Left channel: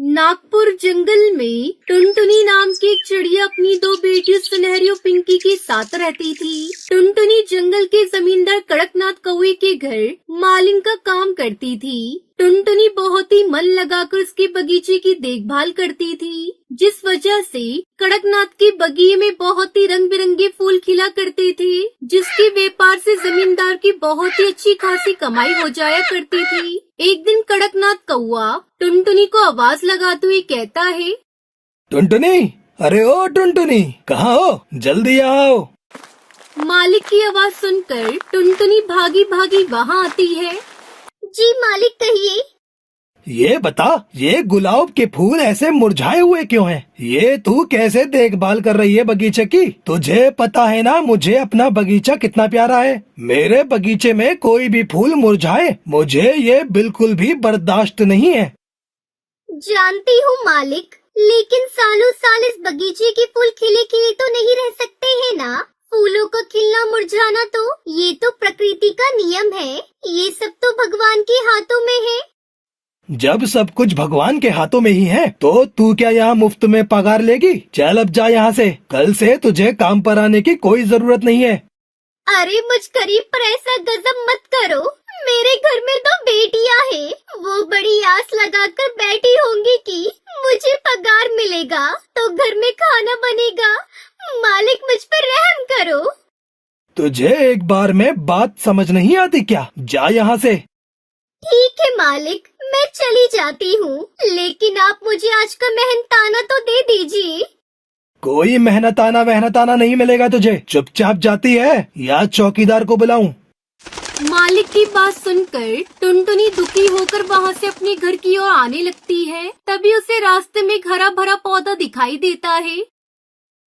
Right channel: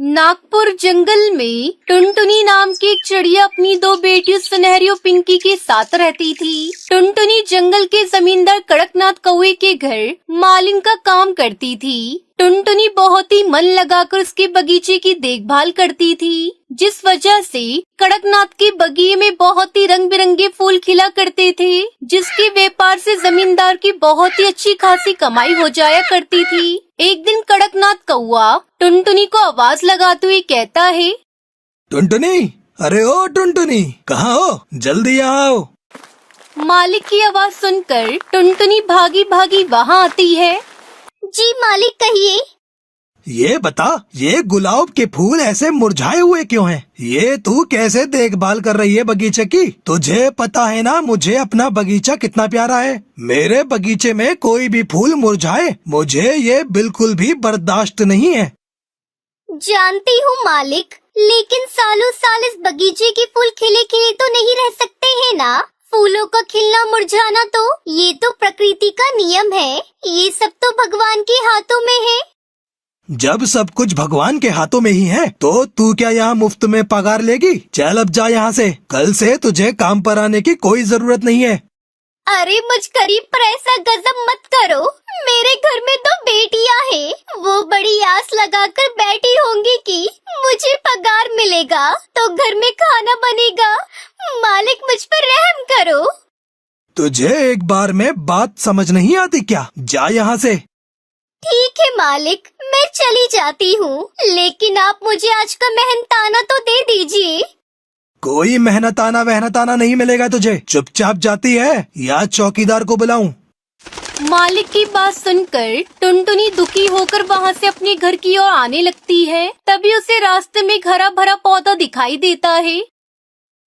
नागपुर जंगल में टुनटुनी नाम की एक चिड़िया अपनी दो बेटियों सुनहरी और पिंकी के साथ रहती थी। टुनटुनी जंगल के जमींदार कड़कनाथ कौवे के घर मालिन का काम करती थी। टुनटुनी बहुत ही मन लगाकर उसके बगीचे की देखभाल करती थी, जिस वजह से कड़कनाथ के बगीचे में बहुत ही रंग बिरंगे फूल खिला करते थे, जिसके व्यापार से जमींदार की बहुत ही अच्छी खासी कमाई हो जाया करती थी। एक दिन कड़कनाथ कौवा टुनटुनी को आवाज लगाते हुए कहता है, टुनटुनी, अरे ओ टुनटुनी, कहाँ हो? जल्दी आओ। मालिक की आवाज सुनकर टुनटुनी भागी भागी वहाँ आती है। जी मालिक, कहिए। ये बता, ये गुलाब के फूल ऐसे मुरझाए हुए क्यों हैं? ये तू कैसे देखभाल कर रही है बगीचे की? तुझे पता है ना मुझे अपना बगीचा कितना प्यारा है। मेरे बगीचे में कोई भी फूल मुरझाए मुझे ये बिल्कुल भी बर्दाश्त नहीं है। जानती हूँ मालिक, लेकिन सालों साल इस बगीचे के फूल खिले खिले तो नहीं रह सकते हैं ना। फूलों का खिलना मुरझाना तो ये तो प्रकृति का नियम है। ये सब तो भगवान के हाथों में है। जब सब कुछ भगवान के हाथों में ही है तो तू क्या यहाँ मुफ्त में पगार लेगी? चल अब जा यहाँ से। कल से तुझे काम पर आने की कोई जरूरत नहीं है। अरे मचकरी, पर ऐसा गजब मत करो। मेरे घर में तो बेटियां हैं, वो बड़ी आस लगाकर बैठी होंगी कि मुझे पगार मिलेगा तो घर में खाना बनेगा। मालिक, मुझ पर रहम करो। तुझे एक बार में बात समझ नहीं आती क्या? जा यहाँ से। ठीक है मालिक, मैं चली जाती हूँ, लेकिन आप मुझे आज का मेहनताना तो दे दीजिए। कोई मेहनताना वहनताना नहीं मिलेगा तुझे। चुपचाप जाती है या चौकीदार को बुलाऊं? मालिक की बात सुनकर टुनटुनी दुखी होकर वहाँ से अपने घर की ओर आने लगती है। तभी उसे रास्ते में एक हरा भरा पौधा दिखाई देता है।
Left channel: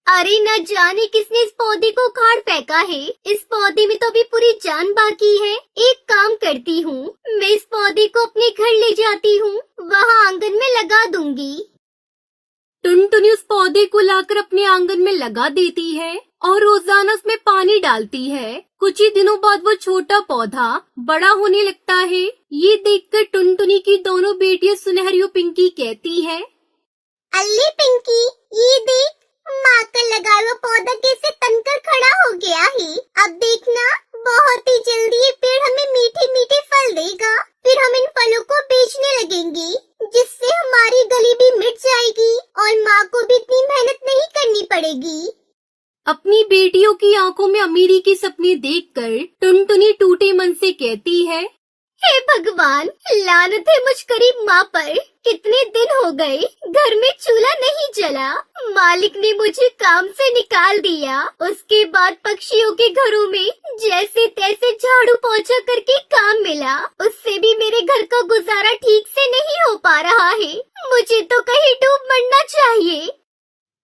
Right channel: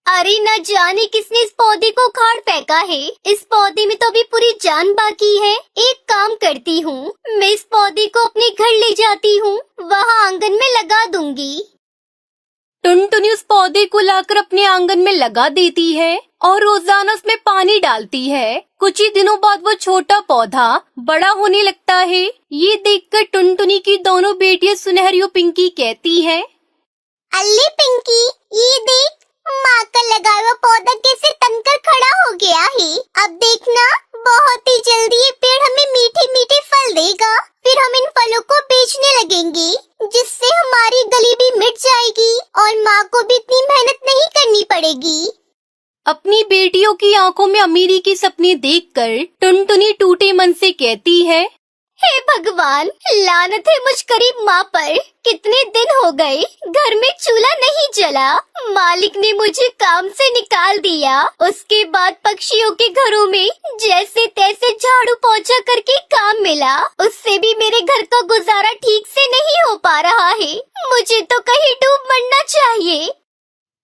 अरे न जाने किसने इस पौधे को उखाड़ फेंका है। इस पौधे में तो अभी पूरी जान बाकी है। एक काम करती हूँ, मैं इस पौधे को अपने घर ले जाती हूँ, वहाँ आंगन में लगा दूंगी। टुनटुनी उस पौधे को लाकर अपने आंगन में लगा देती है और रोजाना उसमें पानी डालती है। कुछ ही दिनों बाद वो छोटा पौधा बड़ा होने लगता है। ये देखकर टुनटुनी की दोनों बेटियां सुनहरी और पिंकी कहती है, अल्ले पिंकी, ये देख, माँ का लगा हुआ पौधा कैसे तनकर खड़ा हो गया है। अब देखना, बहुत ही जल्दी ये पेड़ हमें मीठे मीठे फल देगा। फिर हम इन फलों को बेचने लगेंगे, जिससे हमारी गली भी मिट जाएगी और माँ को भी इतनी मेहनत नहीं करनी पड़ेगी। अपनी बेटियों की आंखों में अमीरी के सपने देखकर टुनटुनी टूटे मन से कहती है, हे भगवान, लानत है मुझ गरीब माँ पर। कितने दिन हो गए घर में चूल्हा नहीं जला। मालिक ने मुझे काम से निकाल दिया। उसके बाद पक्षियों के घरों में जैसे तैसे झाड़ू पोंछा करके काम मिला। उससे भी मेरे घर का गुजारा ठीक से नहीं हो पा रहा है। मुझे तो कहीं डूब मरना चाहिए।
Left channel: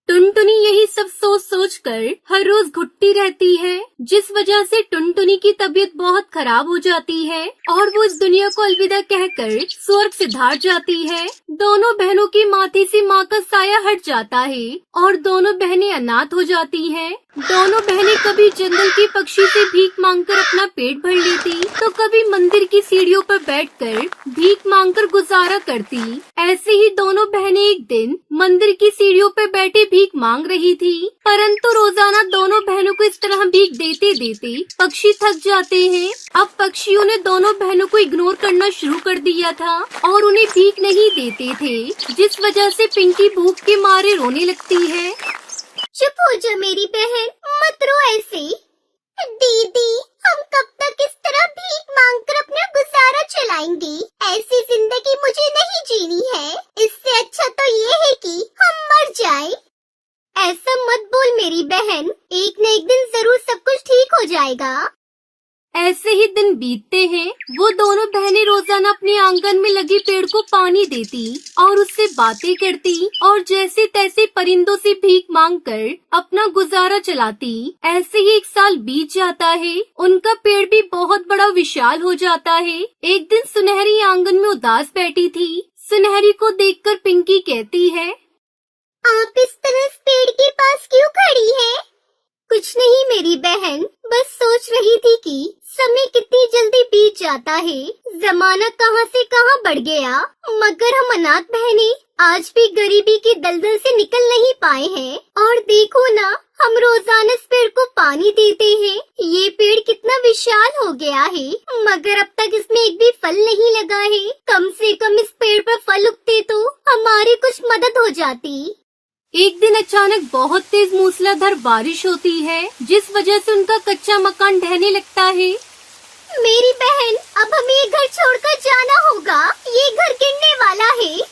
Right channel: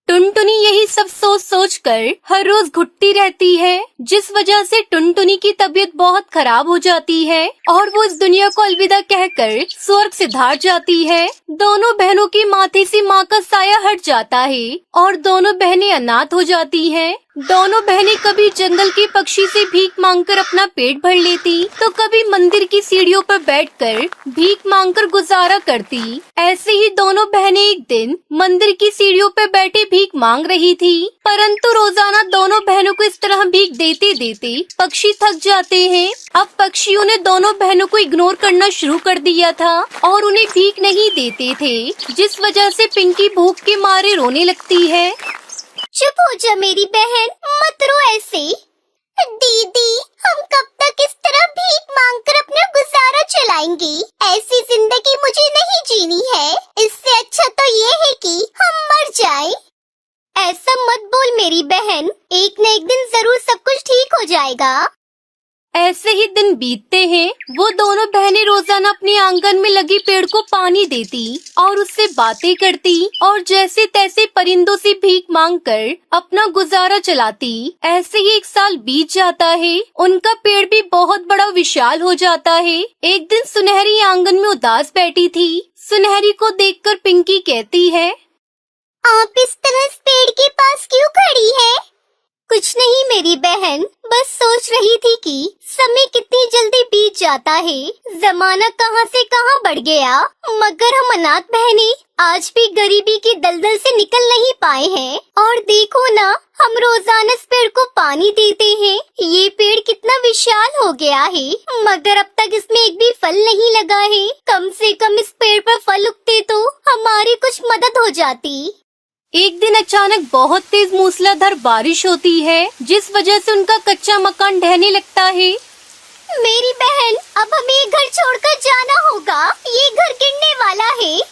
टुनटुनी यही सब सोच सोच कर हर रोज घुटती रहती है, जिस वजह से टुनटुनी की तबीयत बहुत खराब हो जाती है और वो इस दुनिया को अलविदा कहकर स्वर्ग सिधार जाती है। दोनों बहनों की माथे से माँ का साया हट जाता है और दोनों बहनें अनाथ हो जाती हैं। दोनों बहनें कभी जंगल के पक्षी से भीख मांगकर अपना पेट भर लेती, तो कभी मंदिर की सीढ़ियों पर बैठकर भीख मांगकर गुजारा करती। ऐसे ही दोनों बहनें एक दिन मंदिर की सीढ़ियों पर बैठे भीख मांग रही थी, परंतु रोजाना दोनों बहनों को इस तरह भीख देते देते पक्षी थक जाते हैं। अब पक्षियों ने दोनों बहनों को इग्नोर करना शुरू कर दिया था और उन्हें भीख नहीं देते थे, जिस वजह से पिंकी भूख के मारे रोने लगती है। चुप हो जा मेरी बहन, मत रो ऐसे। दीदी, हम कब तक इस तरह भीख मांगकर अपना गुजारा चलाएंगे? ऐसी जिंदगी मुझे नहीं जीनी है। इससे अच्छा तो ये है कि हम मर जाएं। ऐसा मत बोल मेरी बहन, एक न एक दिन जरूर सब कुछ ठीक हो जाएगा। ऐसे ही दिन बीतते हैं। वो दोनों बहनें रोजाना अपने आंगन में लगी पेड़ को पानी देती और उससे बातें करती और जैसे तैसे परिंदों से भीख मांगकर अपना गुजारा चलाती। ऐसे ही एक साल बीत जाता है। उनका पेड़ भी बहुत बड़ा विशाल हो जाता है। एक दिन सुनहरी आंगन में उदास बैठी थी। सुनहरी को देखकर पिंकी कहती है, आप इस तरह इस पेड़ के पास क्यों खड़ी है? कुछ नहीं मेरी बहन, बस सोच रही थी कि समय कितनी जल्दी बीत जाता है। जमाना कहाँ से कहाँ बढ़ गया, मगर हम अनाथ बहनें आज भी गरीबी की दलदल से निकल नहीं पाए हैं। और देखो ना, हम रोजाना इस पेड़ को पानी देते हैं। ये पेड़ कितना विशाल हो गया है, मगर अब तक इसमें एक भी फल नहीं लगा है। कम से कम इस पेड़ पर फल उगते तो हमारी कुछ मदद हो जाती। एक दिन अचानक बहुत तेज मूसलाधार बारिश होती है, जिस वजह से उनका कच्चा मकान ढहने लगता है। मेरी बहन, अब हमें ये घर छोड़कर जाना होगा, ये घर गिरने वाला है।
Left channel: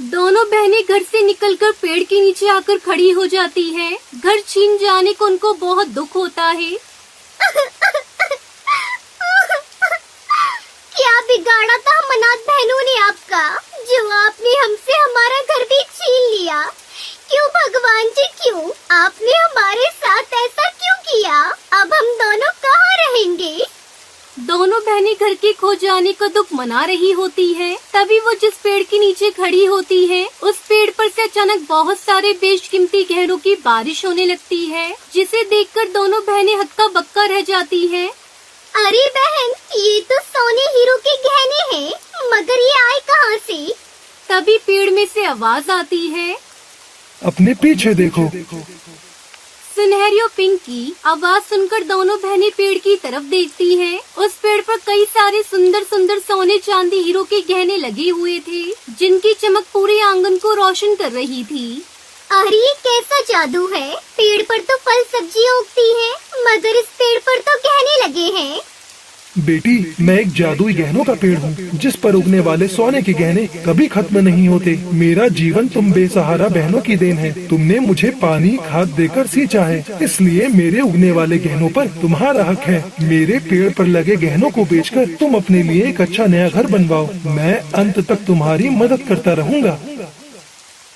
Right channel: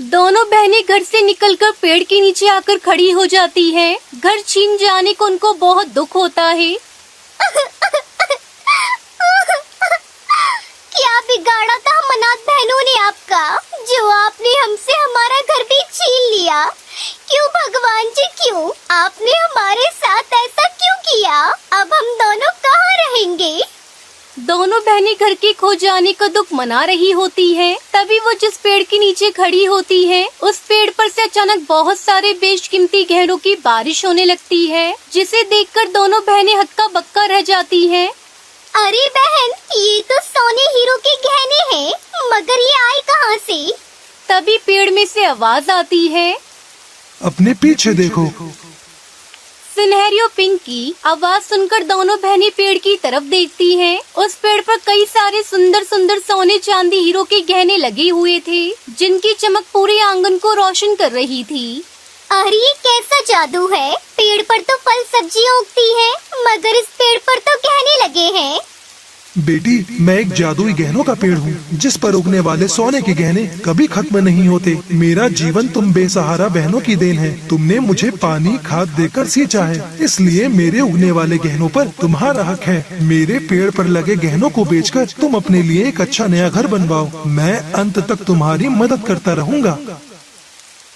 दोनों बहनें घर से निकलकर पेड़ के नीचे आकर खड़ी हो जाती है। घर छीन जाने को उनको बहुत दुख होता है। क्या बिगाड़ा था हम अनाथ बहनों ने आपका, जो आपने हमसे हमारा घर भी छीन लिया। क्यों भगवान जी, क्यों आपने हमारे साथ ऐसा क्यों किया? अब हम दोनों कहाँ रहेंगे? दोनों बहनें घर के खो जाने का दुख मना रही होती है। तभी वो जिस पेड़ के नीचे खड़ी होती है, उस पेड़ पर से अचानक बहुत सारे बेशकीमती गहनों की बारिश होने लगती है, जिसे देखकर दोनों बहनें हक्का बक्का रह जाती हैं। अरे बहन, ये तो सोने हीरो के गहने हैं, मगर ये आए कहाँ से? तभी पेड़ में से आवाज आती है, अपने पीछे देखो। सुनहरी और पिंक की आवाज सुनकर दोनों बहनें पेड़ की तरफ देखती हैं। उस पेड़ पर कई सारे सुंदर सुंदर सोने चांदी हीरो के गहने लगे हुए थे, जिनकी चमक पूरे आंगन को रोशन कर रही थी। अरे ये कैसा जादू है, पेड़ पर तो फल सब्जियाँ उगती हैं, मगर इस पेड़ पर तो गहने लगे हैं। बेटी, मैं एक जादुई गहनों का पेड़ हूँ, जिस पर उगने वाले सोने के गहने कभी खत्म नहीं होते। मेरा जीवन तुम बेसहारा बहनों की देन है। तुमने मुझे पानी खाद देकर सींचा है, इसलिए मेरे उगने वाले गहनों पर तुम्हारा हक है। मेरे पेड़ पर लगे गहनों को बेचकर तुम अपने लिए एक अच्छा नया घर बनवाओ। मैं अंत तक तुम्हारी मदद करता रहूँगा।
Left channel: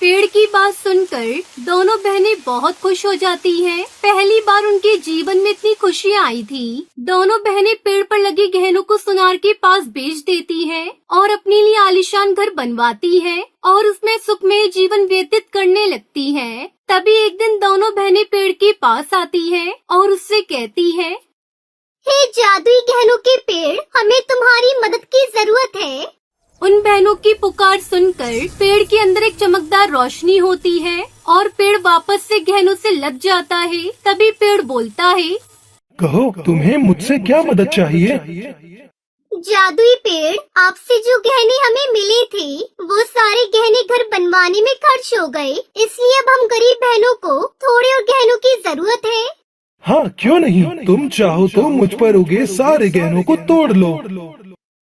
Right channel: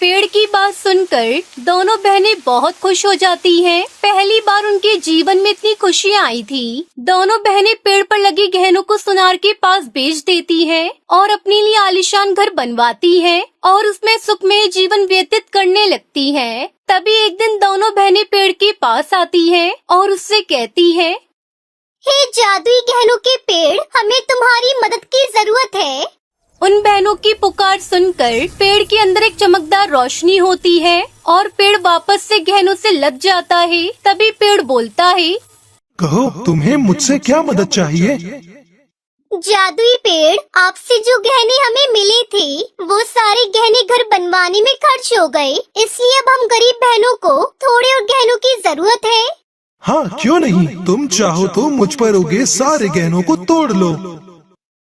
पेड़ की बात सुनकर दोनों बहनें बहुत खुश हो जाती हैं। पहली बार उनके जीवन में इतनी खुशियाँ आई थी। दोनों बहनें पेड़ पर लगे गहनों को सुनार के पास बेच देती हैं और अपने लिए आलीशान घर बनवाती हैं और उसमें सुखमय जीवन व्यतीत करने लगती हैं। तभी एक दिन दोनों बहनें पेड़ के पास आती हैं और उससे कहती हैं, हे जादुई गहनों के पेड़, हमें तुम्हारी मदद की जरूरत है। उन बहनों की पुकार सुनकर पेड़ के अंदर एक चमकदार रोशनी होती है और पेड़ वापस से गहनों से लद जाता है। तभी पेड़ बोलता है, कहो, तुम्हें मुझसे क्या मदद चाहिए? जादुई पेड़, आपसे जो गहने हमें मिले थे, वो सारे गहने घर बनवाने में खर्च हो गए, इसलिए अब हम गरीब बहनों को थोड़े और गहनों की जरूरत है। हाँ, क्यों नहीं, तुम चाहो तो मुझ पर उगे सारे गहनों को तोड़ लो।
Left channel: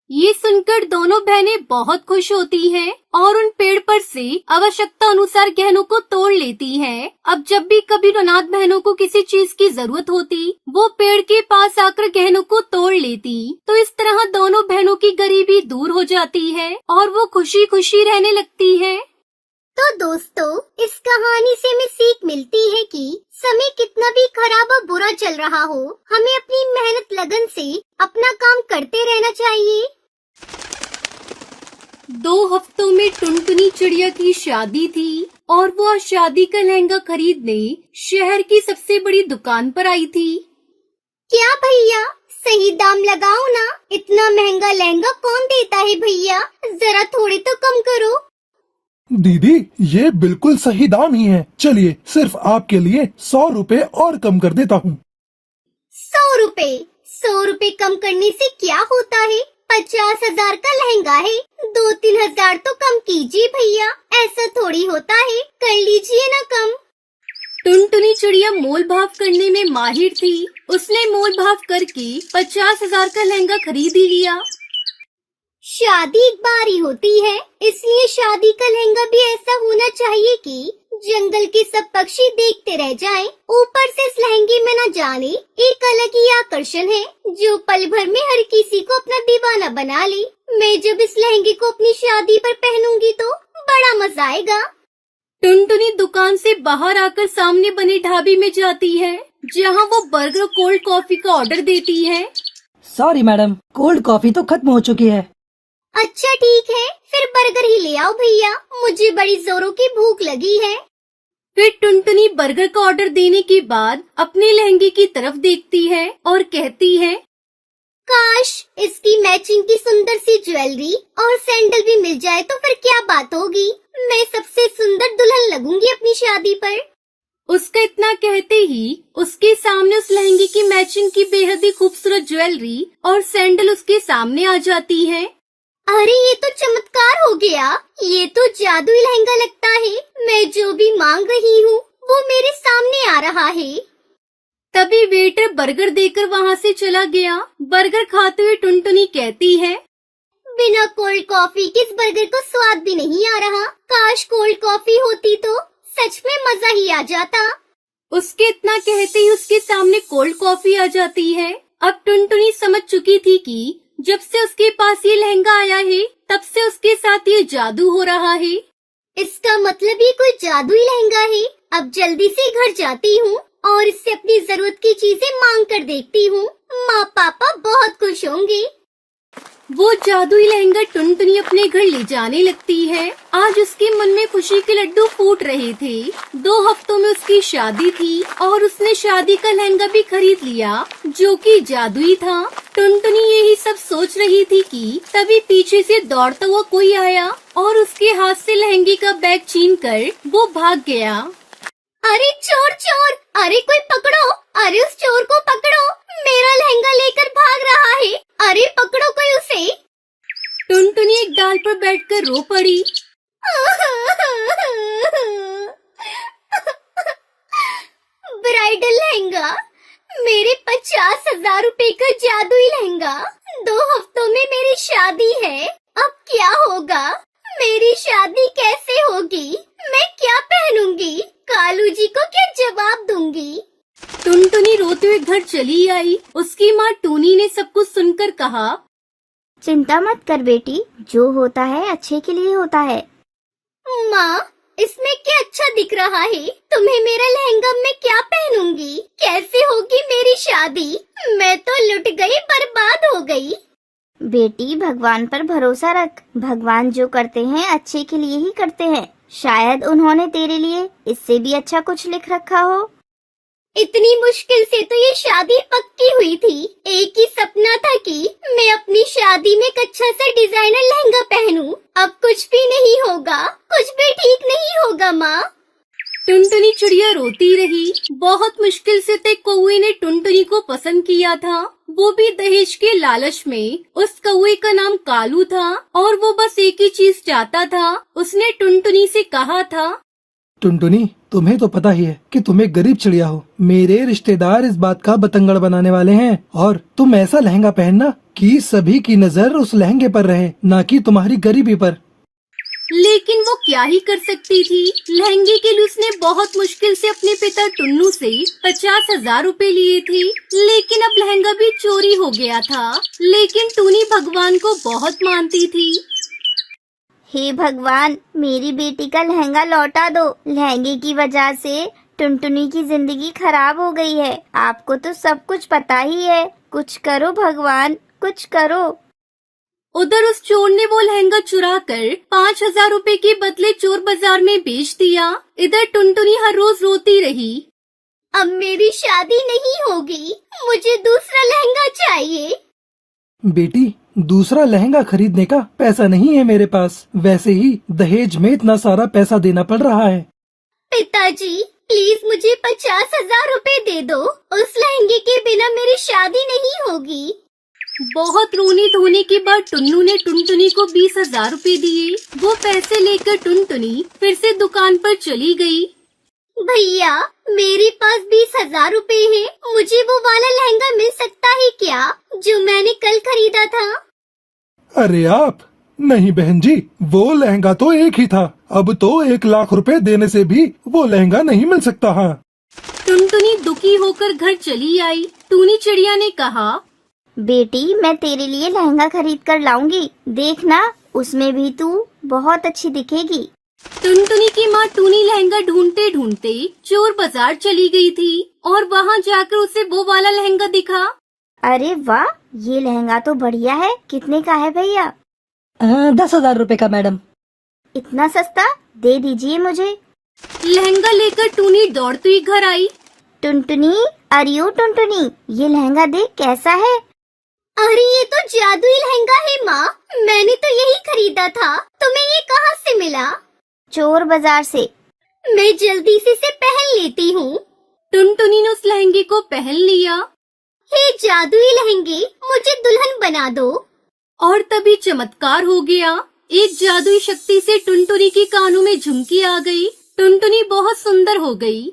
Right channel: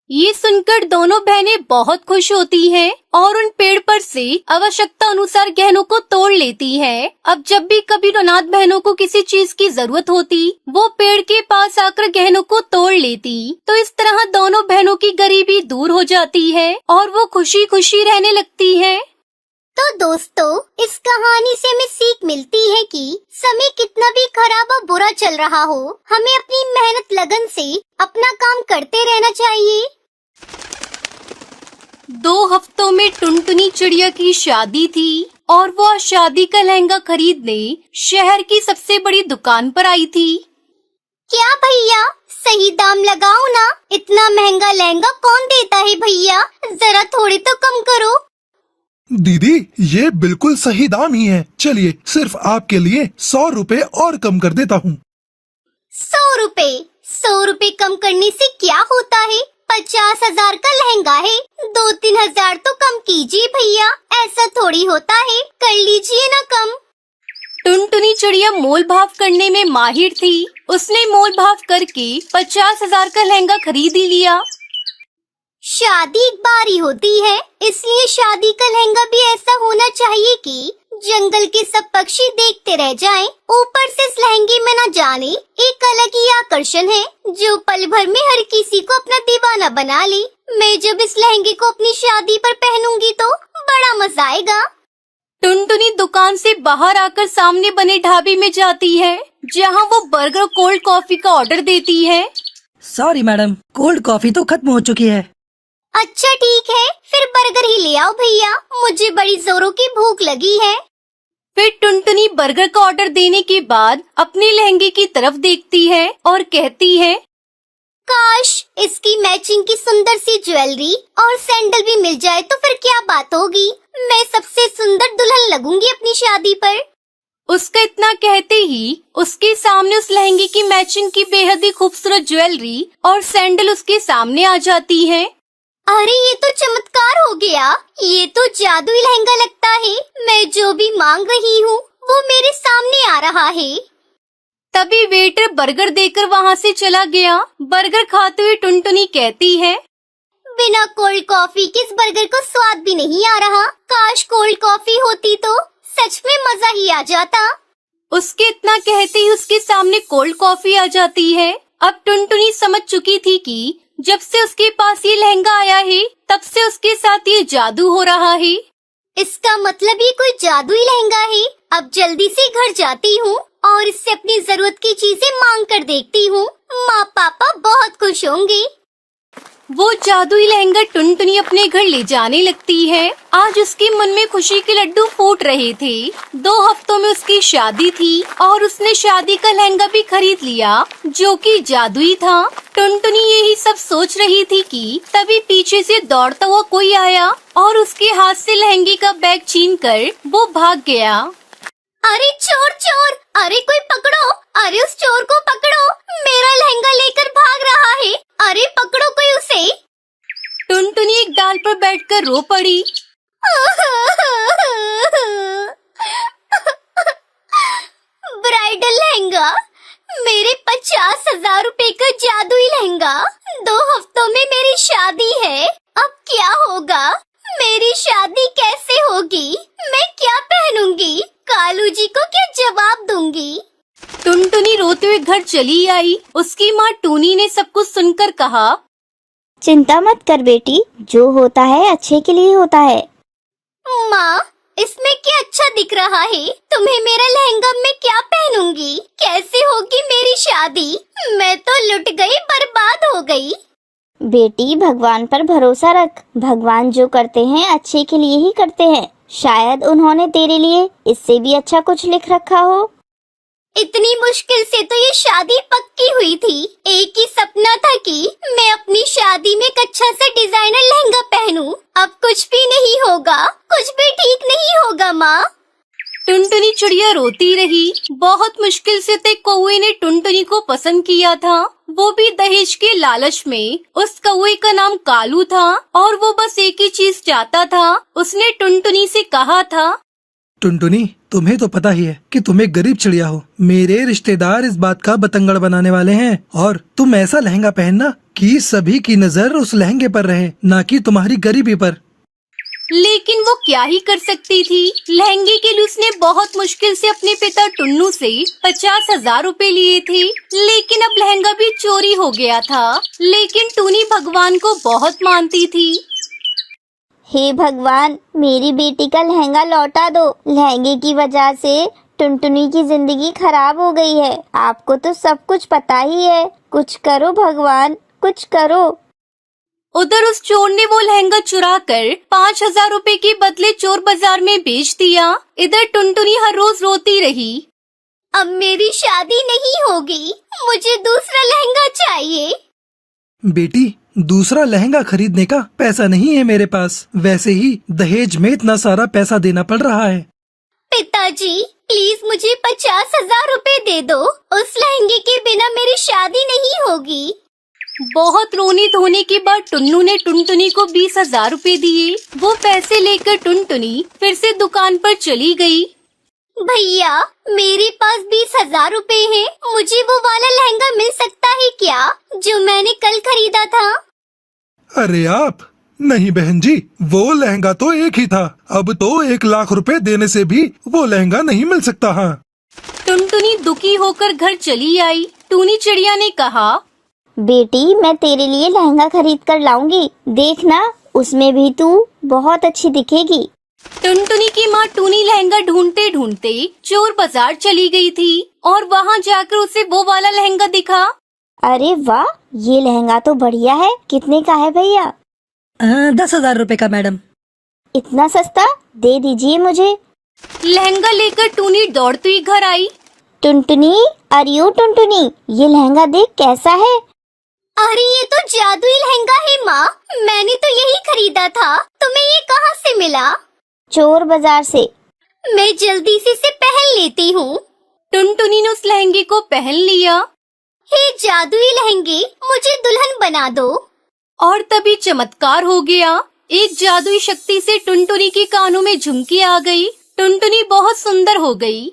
ये सुनकर दोनों बहनें बहुत खुश होती हैं और उन पेड़ पर से आवश्यकता अनुसार गहनों को तोड़ लेती हैं। अब जब भी कभी अनाथ बहनों को किसी चीज की जरूरत होती, वो पेड़ के पास आकर गहनों को तोड़ लेती। तो इस तरह दोनों बहनों की गरीबी दूर हो जाती है और वो खुशी खुशी रहने लगती है। तो दोस्तों, इस कहानी से हमें सीख मिलती है कि समय कितना भी खराब और बुरा चल रहा हो, हमें अपनी मेहनत लगन से अपना काम करते रहना चाहिए। 2 हफ्तों में टुनटुनी चिड़िया की शादी थी और वह शादी का लहंगा खरीदने शहर की सबसे बड़ी दुकान पर आई थी। क्या भैया, सही दाम लगाओ ना, इतना महंगा लहंगा कौन देता है भैया, जरा थोड़े तो कम करो। दीदी, ये बिल्कुल सही दाम ही है। चलिए, सिर्फ आपके लिए 100 रुपए और कम कर देता हूँ। 100 रुपए? 100 रुपए कम करने से क्या होता है? 50,000 का लहंगा है, 2-3 हजार तो कम कीजिए भैया, ऐसा थोड़ी होता है, कर लीजिए ना कम। टुनटुनी चिड़िया मोल भाव करने में माहिर थी। उसने मोल भाव करके 50,000 का लहंगा खरीद ही लिया। शादी एक बार ही होती है, इसलिए शादी का लहंगा भी ऐसा होना चाहिए कि जंगल के सब पक्षी देखते रह जाएं। ऊपर से इस लहंगे में न जाने एक अलग ही आकर्षण है, जो पल भर में हर किसी को अपना दीवाना बना ले। मैं जब इस लहंगे को अपनी शादी पर पहनूंगी तो बड़ा मजा आएगा। टुनटुनी दुकान से बाहर आकर सामने बने ढाबे में जाती है, जहां वो बर्गर कोल्ड कॉफी का ऑर्डर देती है। सॉरी मैडम, कोल्ड कॉफी तो खत्म हो चुकी है। अच्छा ठीक है, फिर बर्गर ही ले आओ भैया, मुझे बड़ी जोरों की भूख लगी है। फिर टुनटुनी बर्गर का ऑर्डर देने के बाद अपने लहंगे की तरफ देखती है और कहती है, काश इसकी मैचिंग की सुंदर सी ज्वेलरी और सैंडल भी मिल जाए तो फिर क्या बात होगी। मैं सबसे सुंदर दुल्हन लगूंगी अपनी शादी पर। उसका इतना कहते ही उसके सामने उस लहंगे की मैचिंग की बेहद ही खूबसूरत ज्वेलरी और सैंडल उसके सामने आ जाती है। अरे ये तो चमत्कार हो गया, ये तो जादुई लहंगा लगता है। मैं जो भी मांग रही हूँ वो मेरे सामने आ रहा है। तभी वेटर बर्गर देकर वहाँ से चला गया। बर्गर खाते हुए टुनटुनी कहती है, बिना कोल्ड कॉफी के इस बर्गर को स्वाद भी नहीं आ रहा। काश कोल्ड कॉफी होती तो सच में मजा ही आ जाता। उसके इतना कहते ही उसके सामने कोल्ड कॉफी आ जाती है। अब टुनटुनी समझ चुकी थी कि जब से उसके पास ये लहंगा आया है तब से उसके साथ ये जादू हो रहा है। इसका मतलब ये कोई जादुई लहंगा है। अब जल्दी से घर जाती हूँ और इससे अपनी जरूरत की चीजें मांग कर देखती हूँ। माँ पापा बहुत खुश होंगे। वो जादुई लहंगा टुनटुनी अपने घर ले जाने लगती है। आज उसके मन में खुशी के लड्डू फूट रहे थे। 2 हफ्तों में उसकी शादी थी और उसने शादी का लहंगा भी खरीद लिया जो कि जादुई था। टुनटुनी यही सब सोच रही थी कि तभी पीछे से दौड़ता हुआ कोई आया और उसके हाथ से लहंगे का बैग छीनकर वो भाग गया। अरे चोर चोर, अरे कोई पकड़ो, अरे उस चोर को पकड़ो, मेरा लहंगा लेकर भाग रहा है। अरे पकड़ो कोई उसे। टुनटुनी एक डाल पर बैठकर रो पड़ी। ब्राइडल लहंगा, मेरे 50,000 रुपए का जादुई लहंगा। 2 हफ्तों में मेरी शादी है। अब क्या होगा? मेरी शादी कैसे होगी? मैं क्या पहनूंगी? कालू जी को क्या जवाब दूंगी? टुनटुनी रोते हुए घर चली आई। उसकी माँ टूनी ने सब कुछ सुनकर कहा, चिंता मत कर बेटी, जो होता है अच्छे के लिए होता है। माँ, इसमें क्या अच्छा दिख रहा है? तुम्हें मेरा लहंगा मैं क्या पहनूंगी? कैसे होगी मेरी शादी? मैं तो लुट गई, बर्बाद हो गई। बेटी भगवान पर भरोसा रख। भगवान जो करते हैं अच्छे के लिए ही करते हैं। शायद उन्होंने तेरे लिए इससे भी अच्छा कुछ लिख रखा हो। इतनी मुश्किल से तो ये शादी पक्की हुई थी। एक ही सपना था कि मैं अपनी शादी में एक अच्छा सा डिजाइनर लहंगा पहनूं। अब कुछ भी नहीं होगा, कुछ भी ठीक नहीं होगा माँ। टुनटुनी चिड़िया रोती रही। बहुत मुश्किल से तक कौवे ने टुनटुनी को पसंद किया था, वो भी दहेज के लालच में। उस कौवे का नाम कालू था और वो बस एक ही चीज चाहता था। उसने टुनटुनी से कहा था, टुनटुनी, तुम्हें तो पता ही है कि तुम एक गरीब चिड़िया हो। मेरे रिश्तेदार इस बात का बतंगड़ बनाने वाले हैं और तुम ऐसा लहंगा पहनना कि सभी की नजर उस लहंगे पर रहे, ना कि तुम्हारी गरीबी पर। लेकिन वो क्या ही कर सकती थी। लहंगे के लिए उसने बहुत मुश्किल से अपने पिता टुन्नू से 50,000 रुपए लिए थे, लेकिन अब लहंगा भी चोरी हो गया था। लेकिन टूनी भगवान को बहुत मानती थी। हे भगवान, मेरी बेटी का लहंगा लौटा दो। लहंगे की वजह से टुनटुनी की जिंदगी खराब हो गई है। आपको तो सब कुछ पता ही है। कुछ करो भगवान, कुछ करो। उधर उस चोर ने वो लहंगा चुरा कर 5,000 रुपए के बदले चोर बाजार में बेच दिया। इधर टुनटुनी हर रोज रोती रही। अब मेरी शादी नहीं होगी, मुझे दूसरा लहंगा चाहिए। बेटी, दूसरा लहंगा खरीदने का पैसा नहीं है मेरे पास। वैसे ही दहेज में इतना सारा पैसा देना पड़ रहा है। पिताजी, प्लीज मुझे 50,000 रुपए दे दो। उस लहंगे के बिना मेरी शादी नहीं होगी। बहुत रोने धोने के बाद टुन्नू ने टुनटुनी को 20,000 रुपए दिए। वो पैसे लेकर टुनटुनी फिर से दुकान पर चली गई। भैया, मेरे पास 20,000 रुपए है। मुझे वो वाला लहंगा मिल सकता है क्या, जो मैंने कल खरीदा था? अरे आप नहीं बहन जी, वो लहंगा तो एक ही था। अब तो 1 लाख रुपए देने से भी वो लहंगा नहीं मिल सकता है। टुनटुनी दुखी होकर घर चली आई। टूनी चिड़िया ने कहा, बेटी, मैं तेरे लिए लहंगा खरीद कर लाऊंगी। देखना, उसमें भी तू बहुत अच्छी दिखेगी। टुनटुनी की माँ टूनी लहंगा ढूंढते ढूंढते चोर बाजार चली गई थी और वहाँ जाकर उसे वो वाला लहंगा दिखा। अरे वाह, ये लहंगा तो बढ़िया है। कितने का है भैया? 10,000 रुपए का मैडम। इतना सस्ता? दे दीजिए मुझे। लहंगा लेकर टूनी दौड़ती हुई घर आई। टुनटुनी, अरे टुनटुनी, ये लहंगा देख कैसा है। अरे ये तो जादुई लहंगा है माँ, मैंने तो यही खरीदा था। तुम्हें ये कहाँ से मिला? चोर बाजार से। मैं जल्दी से इसे पहन लेती हूँ। टुनटुनी ने उस लहंगे को पहन लिया हे जादुई लहंगे, मुझे दुल्हन बना दो। और तभी चमत्कार हो गया। एक जादुई शक्ति से टुनटुनी के कानों में झुमकी आ गई। टुनटुनी बहुत सुंदर हो गई।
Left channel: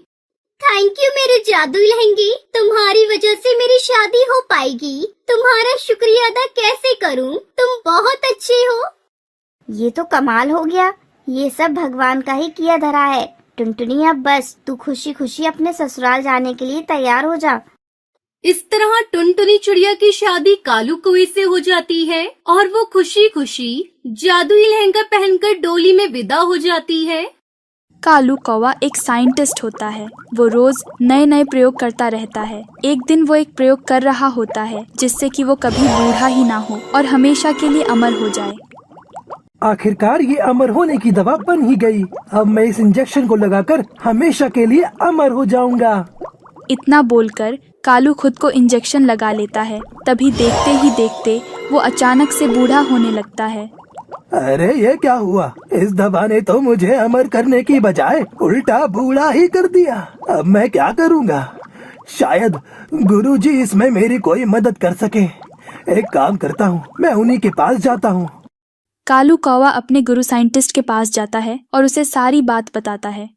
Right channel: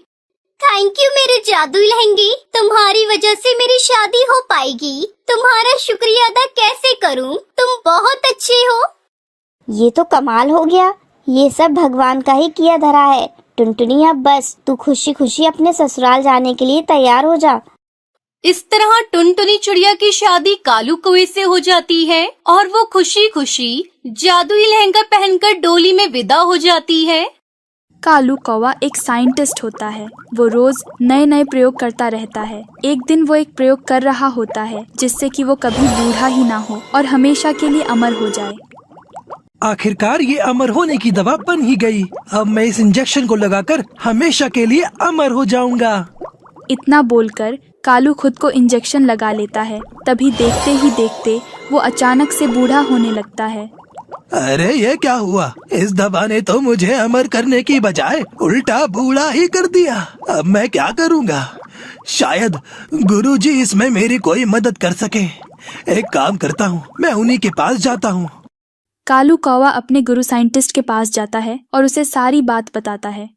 थैंक यू मेरे जादुई लहंगे, तुम्हारी वजह से मेरी शादी हो पाएगी। तुम्हारा शुक्रिया अदा कैसे करूं? तुम बहुत अच्छे हो। ये तो कमाल हो गया, ये सब भगवान का ही किया धरा है। टुनटुनी, अब बस तू खुशी खुशी अपने ससुराल जाने के लिए तैयार हो जा। इस तरह टुनटुनी चिड़िया की शादी कालू कौवे से हो जाती है और वो खुशी खुशी जादुई लहंगा पहनकर डोली में विदा हो जाती है। कालू कौवा एक साइंटिस्ट होता है। वो रोज नए नए प्रयोग करता रहता है। एक दिन वो एक प्रयोग कर रहा होता है जिससे कि वो कभी बूढ़ा ही ना हो और हमेशा के लिए अमर हो जाए। आखिरकार ये अमर होने की दवा बन ही गई। अब मैं इस इंजेक्शन को लगाकर हमेशा के लिए अमर हो जाऊंगा। इतना बोलकर कालू खुद को इंजेक्शन लगा लेता है। तभी देखते ही देखते वो अचानक से बूढ़ा होने लगता है। अरे ये क्या हुआ? इस दवा ने तो मुझे अमर करने की बजाय उल्टा बूढ़ा ही कर दिया। अब मैं क्या करूंगा? शायद गुरुजी इसमें मेरी कोई मदद कर सके। एक काम करता हूँ, मैं उन्हीं के पास जाता हूँ। कालू कौवा अपने गुरु साइंटिस्ट के पास जाता है और उसे सारी बात बताता है।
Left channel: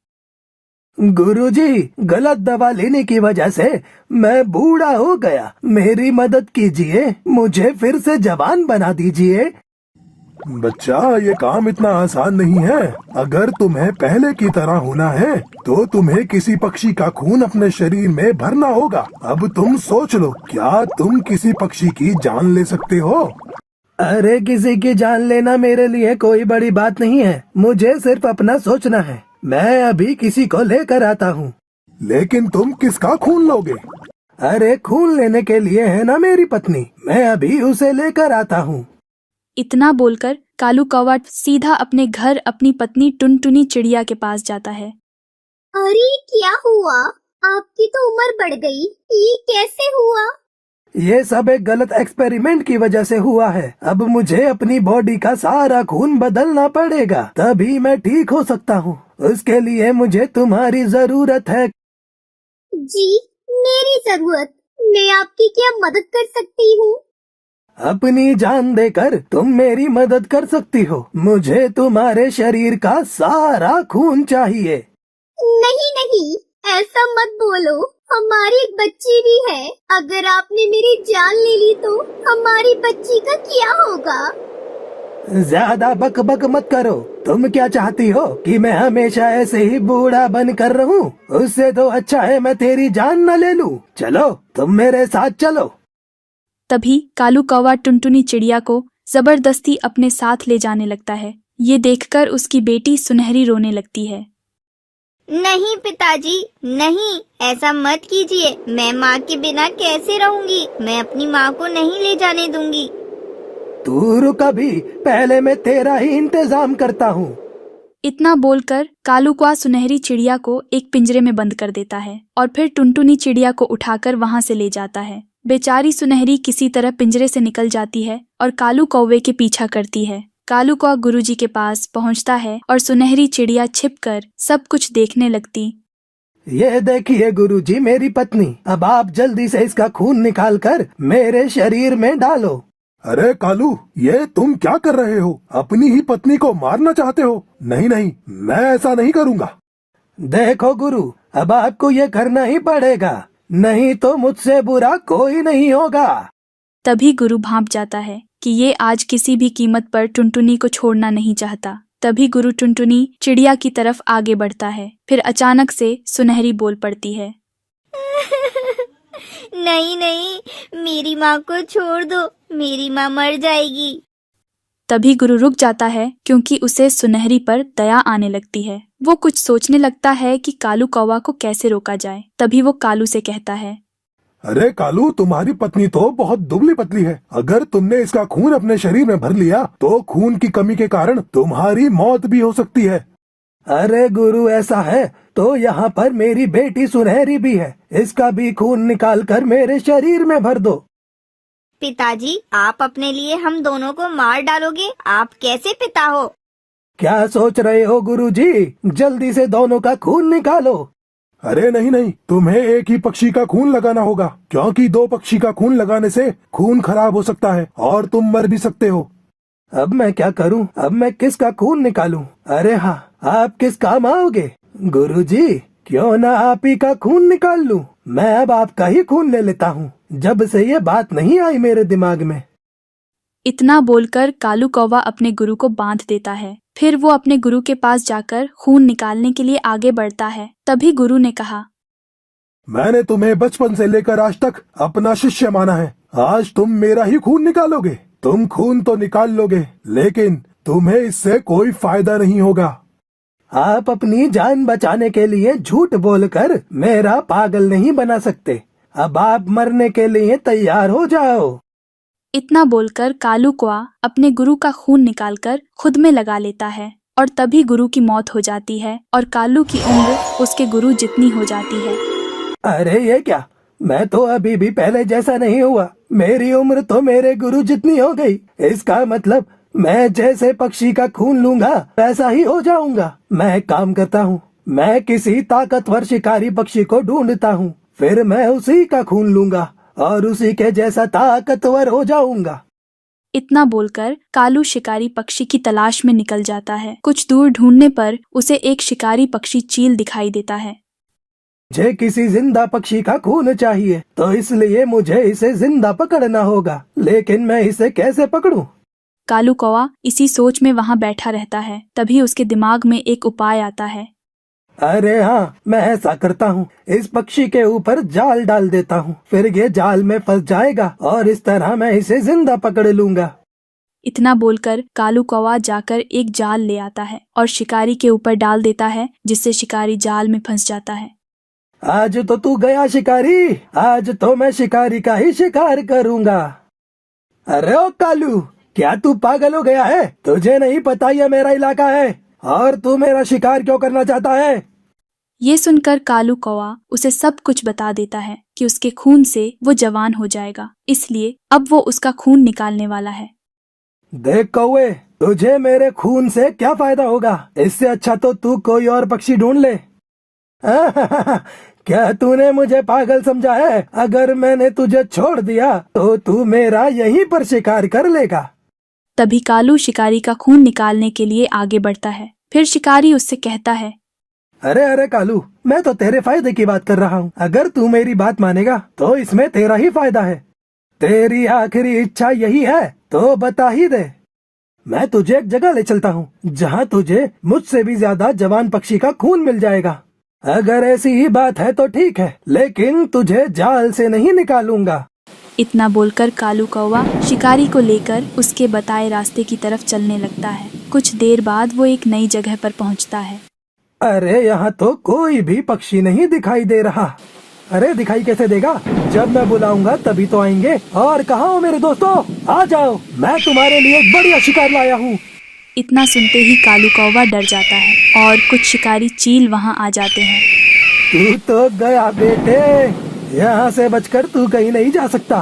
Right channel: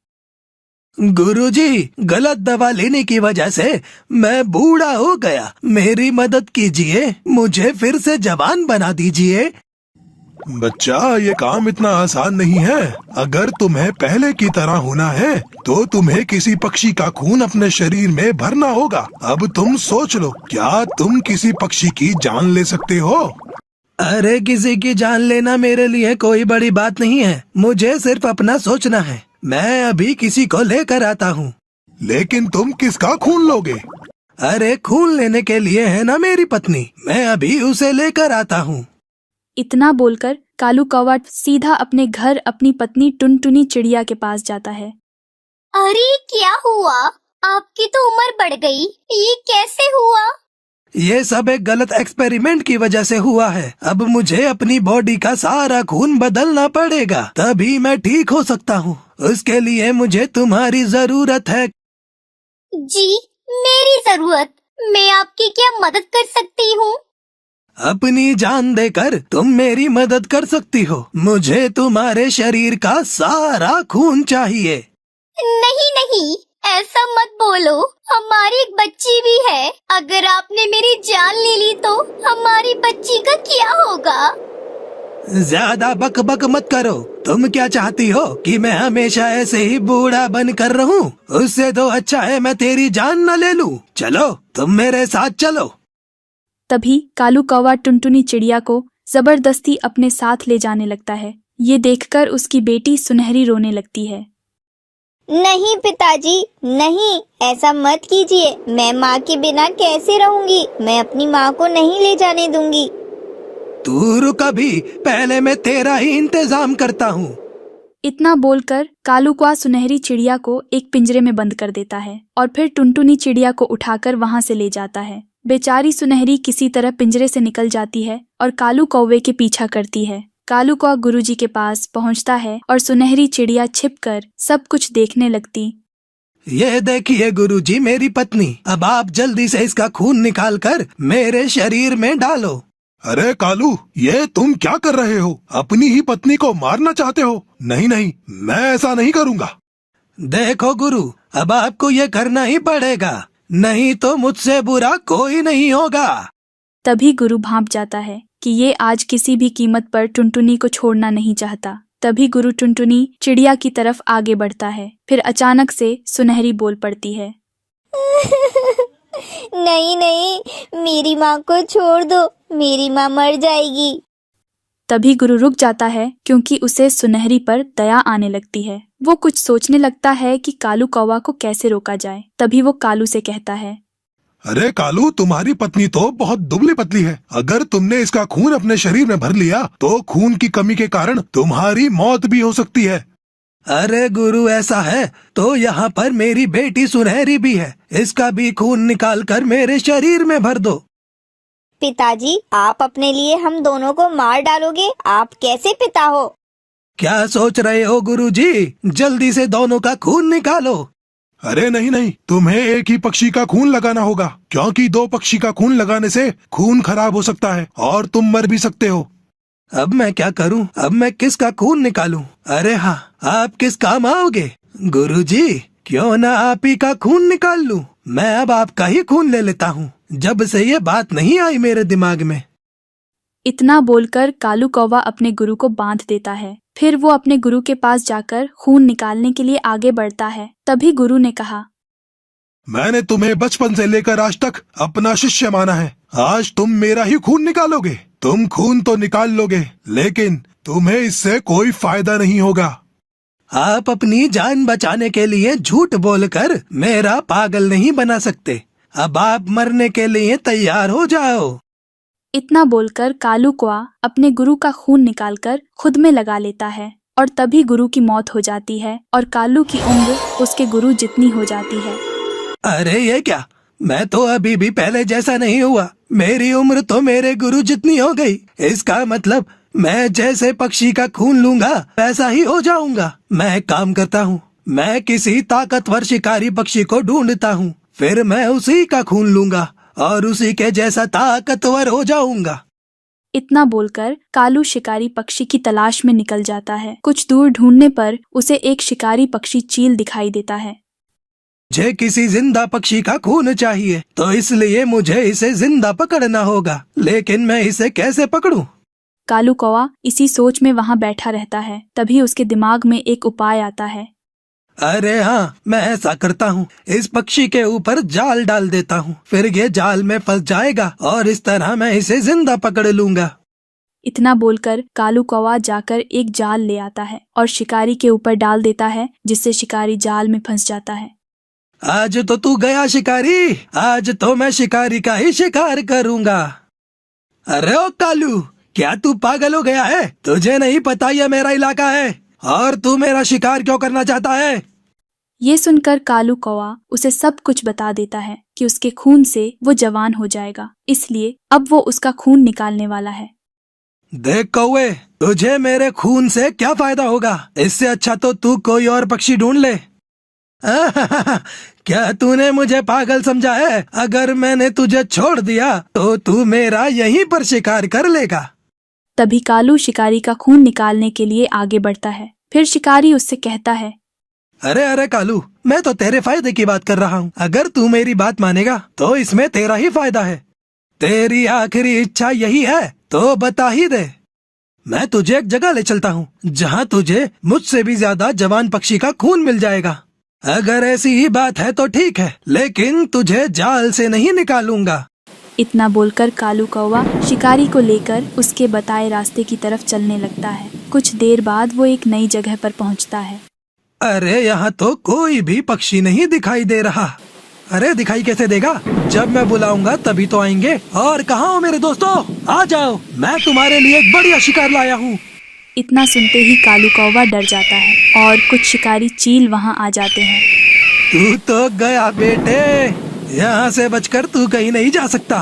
गुरुजी, गलत दवा लेने की वजह से मैं बूढ़ा हो गया। मेरी मदद कीजिए, मुझे फिर से जवान बना दीजिए। बच्चा, ये काम इतना आसान नहीं है। अगर तुम्हें पहले की तरह होना है तो तुम्हें किसी पक्षी का खून अपने शरीर में भरना होगा। अब तुम सोच लो, क्या तुम किसी पक्षी की जान ले सकते हो? अरे किसी की जान लेना मेरे लिए कोई बड़ी बात नहीं है। मुझे सिर्फ अपना सोचना है। मैं अभी किसी को लेकर आता हूँ। लेकिन तुम किसका खून लोगे? अरे खून लेने के लिए है ना मेरी पत्नी, मैं अभी उसे लेकर आता हूँ। इतना बोलकर कालू कौवा सीधा अपने घर अपनी पत्नी टुनटुनी चिड़िया के पास जाता है। अरे क्या हुआ? आपकी तो उम्र बढ़ गई, ये कैसे हुआ? ये सब एक गलत एक्सपेरिमेंट की वजह से हुआ है। अब मुझे अपनी बॉडी का सारा खून बदलना पड़ेगा, तभी मैं ठीक हो सकता हूँ। उसके लिए मुझे तुम्हारी जरूरत है। जी, मेरी जरूरत? मैं आपकी क्या मदद कर सकती हूँ? अपनी जान देकर तुम मेरी मदद कर सकती हो। मुझे तुम्हारे शरीर का सारा खून चाहिए। नहीं नहीं, ऐसा मत बोलो। हमारी एक बच्ची भी है। अगर आपने मेरी जान ले ली तो हमारी बच्ची का क्या होगा? ज्यादा बक बक मत करो। तुम क्या चाहती हो कि मैं हमेशा ऐसे ही बूढ़ा बन कर रहूं? उससे तो अच्छा है मैं तेरी जान न ले लूं। चलो, तुम मेरे साथ चलो। तभी कालू कौवा टुनटुनी चिड़िया को जबरदस्ती अपने साथ ले जाने लगता है। ये देखकर उसकी बेटी सुनहरी रोने लगती है। नहीं पिताजी, नहीं, ऐसा मत कीजिए। मैं माँ के बिना कैसे रहूंगी? मैं अपनी माँ को नहीं ले जाने दूंगी। तू रुक अभी, पहले मैं तेरा ही इंतजाम करता हूँ। इतना बोलकर कालू कौवा सुनहरी चिड़िया को एक पिंजरे में बंद कर देता है और फिर टुनटुनी चिड़िया को उठाकर वहाँ से ले जाता है। बेचारी सुनहरी किसी तरह पिंजरे से निकल जाती है और कालू कौवे के पीछा करती है। कालू कौवा गुरुजी के पास पहुंचता है और सुनहरी चिड़िया छिपकर सब कुछ देखने लगती। ये देखिए गुरुजी, मेरी पत्नी। अब आप जल्दी से इसका खून निकाल कर मेरे शरीर में डालो। अरे कालू, ये तुम क्या कर रहे हो? अपनी ही पत्नी को मारना चाहते हो? नहीं नहीं, मैं ऐसा नहीं करूँगा। देखो गुरु, अब आपको ये करना ही पड़ेगा, नहीं तो मुझसे बुरा कोई नहीं होगा। तभी गुरु भांप जाता है कि ये आज किसी भी कीमत पर टुनटुनी को छोड़ना नहीं चाहता। तभी गुरु टुनटुनी चिड़िया की तरफ आगे बढ़ता है। फिर अचानक से सुनहरी बोल पड़ती है। नहीं नहीं, मेरी माँ को छोड़ दो, मेरी माँ मर जाएगी। तभी गुरु रुक जाता है क्योंकि उसे सुनहरी पर दया आने लगती है। वो कुछ सोचने लगता है कि कालू कौवा को कैसे रोका जाए। तभी वो कालू से कहता है, अरे कालू, तुम्हारी पत्नी तो बहुत दुबली पतली है। अगर तुमने इसका खून अपने शरीर में भर लिया तो खून की कमी के कारण तुम्हारी मौत भी हो सकती है। अरे गुरु ऐसा है तो यहाँ पर मेरी बेटी सुनहरी भी है, इसका भी खून निकाल कर मेरे शरीर में भर दो। पिताजी, आप अपने लिए हम दोनों को मार डालोगे? आप कैसे पिता हो? क्या सोच रहे हो गुरुजी? जल्दी से दोनों का खून निकालो। अरे नहीं नहीं, तुम्हें एक ही पक्षी का खून लगाना होगा, क्योंकि दो पक्षी का खून लगाने से खून खराब हो सकता है और तुम मर भी सकते हो। अब मैं क्या करूं? अब मैं किसका खून निकालूं? अरे हाँ, आप किस काम आओगे? गुरुजी, क्यों ना आप ही का खून निकाल लूं? मैं अब आपका ही खून ले लेता हूँ, जब से ये बात नहीं आई मेरे दिमाग में। इतना बोलकर कालू कौवा अपने गुरु को बांध देता है। फिर वो अपने गुरु के पास जाकर खून निकालने के लिए आगे बढ़ता है। तभी गुरु ने कहा, मैंने तुम्हें बचपन से लेकर आज तक अपना शिष्य माना है, आज तुम मेरा ही खून निकालोगे। तुम खून तो निकाल लोगे, लेकिन तुम्हें इससे कोई फायदा नहीं होगा। आप अपनी जान बचाने के लिए झूठ बोलकर मेरा पागल नहीं बना सकते। अब आप मरने के लिए तैयार हो जाओ। इतना बोलकर कालू कौवा अपने गुरु का खून निकालकर खुद में लगा लेता है और तभी गुरु की मौत हो जाती है और कालू की उम्र उसके गुरु जितनी हो जाती है। अरे ये क्या? मैं तो अभी भी पहले जैसा नहीं हुआ, मेरी उम्र तो मेरे गुरु जितनी हो गई। इसका मतलब मैं जैसे पक्षी का खून लूंगा वैसा ही हो जाऊंगा। मैं एक काम करता हूँ, मैं किसी ताकतवर शिकारी पक्षी को ढूंढता हूँ, फिर मैं उसी का खून लूंगा और उसी के जैसा ताकतवर हो जाऊंगा। इतना बोलकर कालू शिकारी पक्षी की तलाश में निकल जाता है। कुछ दूर ढूंढने पर उसे एक शिकारी पक्षी चील दिखाई देता है। मुझे किसी जिंदा पक्षी का खून चाहिए, तो इसलिए मुझे इसे जिंदा पकड़ना होगा, लेकिन मैं इसे कैसे पकड़ूं? कालू कौवा इसी सोच में वहां बैठा रहता है। तभी उसके दिमाग में एक उपाय आता है। अरे हाँ, मैं ऐसा करता हूँ, इस पक्षी के ऊपर जाल डाल देता हूँ, फिर ये जाल में फंस जाएगा और इस तरह मैं इसे जिंदा पकड़ लूंगा। इतना बोलकर कालू कौवा जाकर एक जाल ले आता है और शिकारी के ऊपर डाल देता है, जिससे शिकारी जाल में फंस जाता है। आज तो तू गया शिकारी, आज तो मैं शिकारी का ही शिकार करूंगा। अरे ओ कालू, क्या तू पागल हो गया है? तुझे नहीं पता ये मेरा इलाका है और तू मेरा शिकार क्यों करना चाहता है? ये सुनकर कालू कौवा उसे सब कुछ बता देता है कि उसके खून से वो जवान हो जाएगा, इसलिए अब वो उसका खून निकालने वाला है। देख कौवे, तुझे मेरे खून से क्या फायदा होगा? इससे अच्छा तो तू कोई और पक्षी ढूंढ ले। क्या तूने मुझे पागल समझा है? अगर मैंने तुझे छोड़ दिया तो तू मेरा यहीं पर शिकार कर लेगा। तभी कालू शिकारी का खून निकालने के लिए आगे बढ़ता है। फिर शिकारी उससे कहता है, अरे अरे कालू, मैं तो तेरे फायदे की बात कर रहा हूँ। अगर तू मेरी बात मानेगा तो इसमें तेरा ही फायदा है। तेरी आखिरी इच्छा यही है तो बता ही दे। मैं तुझे एक जगह ले चलता हूँ जहाँ तुझे मुझसे भी ज्यादा जवान पक्षी का खून मिल जाएगा। अगर ऐसी ही बात है तो ठीक है, लेकिन तुझे जाल से नहीं निकालूंगा। इतना बोलकर कालू कौवा शिकारी को लेकर उसके बताए रास्ते की तरफ चलने लगता है। कुछ देर बाद वो एक नई जगह पर पहुंचता है। अरे यहाँ तो कोई भी पक्षी नहीं दिखाई दे रहा। अरे दिखाई कैसे देगा? जब मैं बुलाऊंगा तभी तो आएंगे। और कहाँ हो मेरे दोस्तों? आ जाओ, मैं तुम्हारे लिए एक बढ़िया शिकार लाया हूँ। इतना सुनते ही कालू कौवा डर जाता है और कुछ शिकारी चील वहां आ जाते हैं। तू तो गया बेटे, यहाँ से बचकर तू कहीं नहीं जा सकता।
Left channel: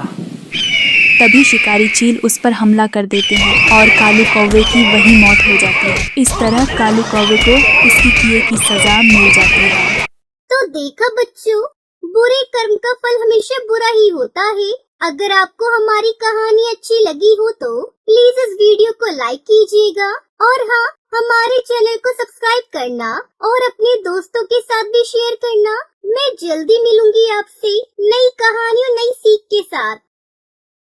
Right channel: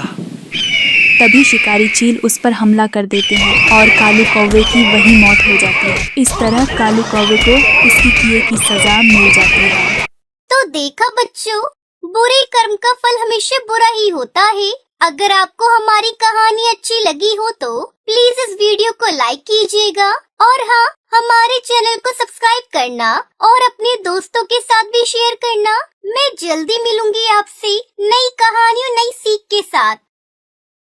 तभी शिकारी चील उस पर हमला कर देते हैं और कालू कौवे की वही मौत हो जाती है। इस तरह कालू कौवे को उसकी किए की सजा मिल जाती है। तो देखा बच्चों, बुरे कर्म का फल हमेशा बुरा ही होता है। अगर आपको हमारी कहानी अच्छी लगी हो तो प्लीज इस वीडियो को लाइक कीजिएगा और हाँ, हमारे चैनल को सब्सक्राइब करना और अपने दोस्तों के साथ भी शेयर करना। मैं जल्दी मिलूंगी आपसे नई कहानियों नई सीख के साथ।